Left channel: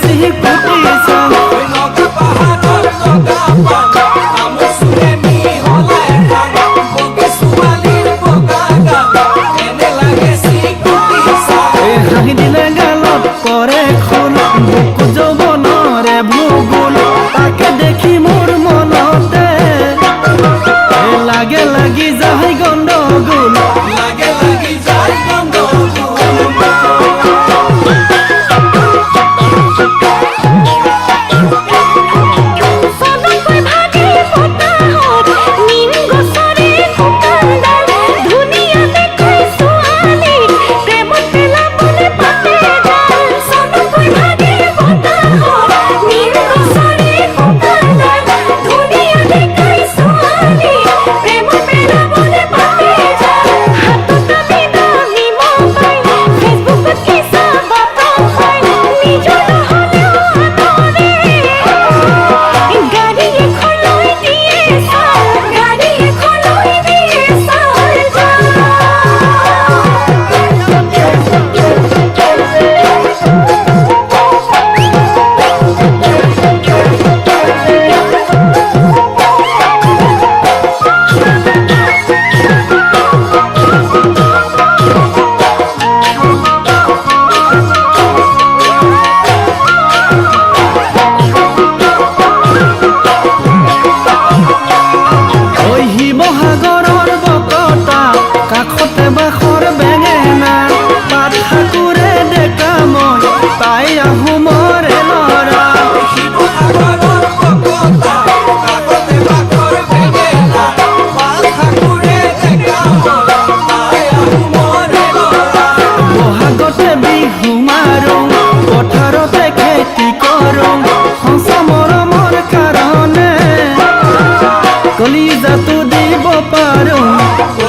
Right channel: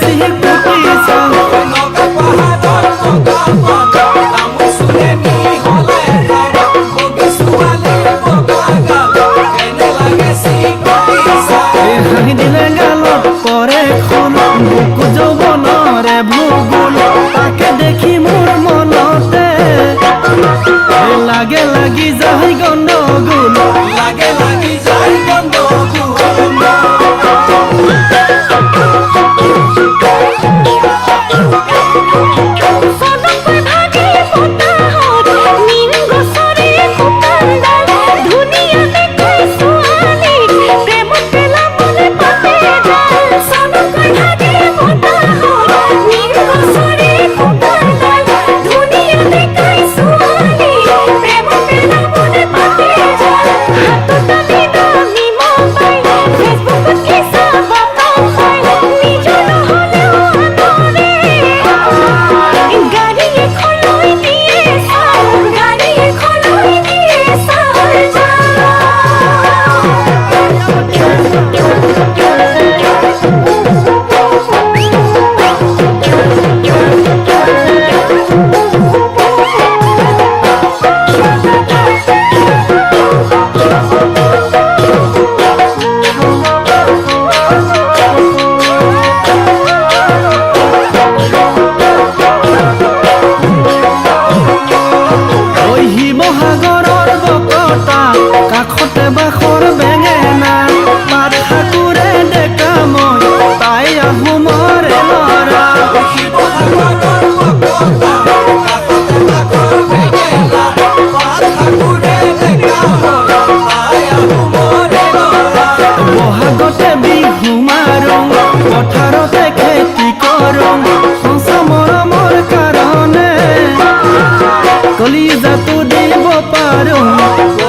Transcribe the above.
চিকুটি চাং হাঁহি দিলে গালত পৰে খোল বুকু যৌৱনৰে ভূগোল তাকে দেখি মোৰ মনতে লাগে লাগি যায় গণ্ডগোল লাগে লাগি যায় মহাগৰৰ বকতা কাষতে বাখৰ বেঙেনা পাত ঠাকুৰে ডেকা মই তাই আহোমৰে ল'ৰা বহাগতে বিহু মাৰোঁ পথাৰতে খেতি কৰোঁ সঁচা মৰমৰ কাৰণে কলিজাটো দিব পাৰোঁ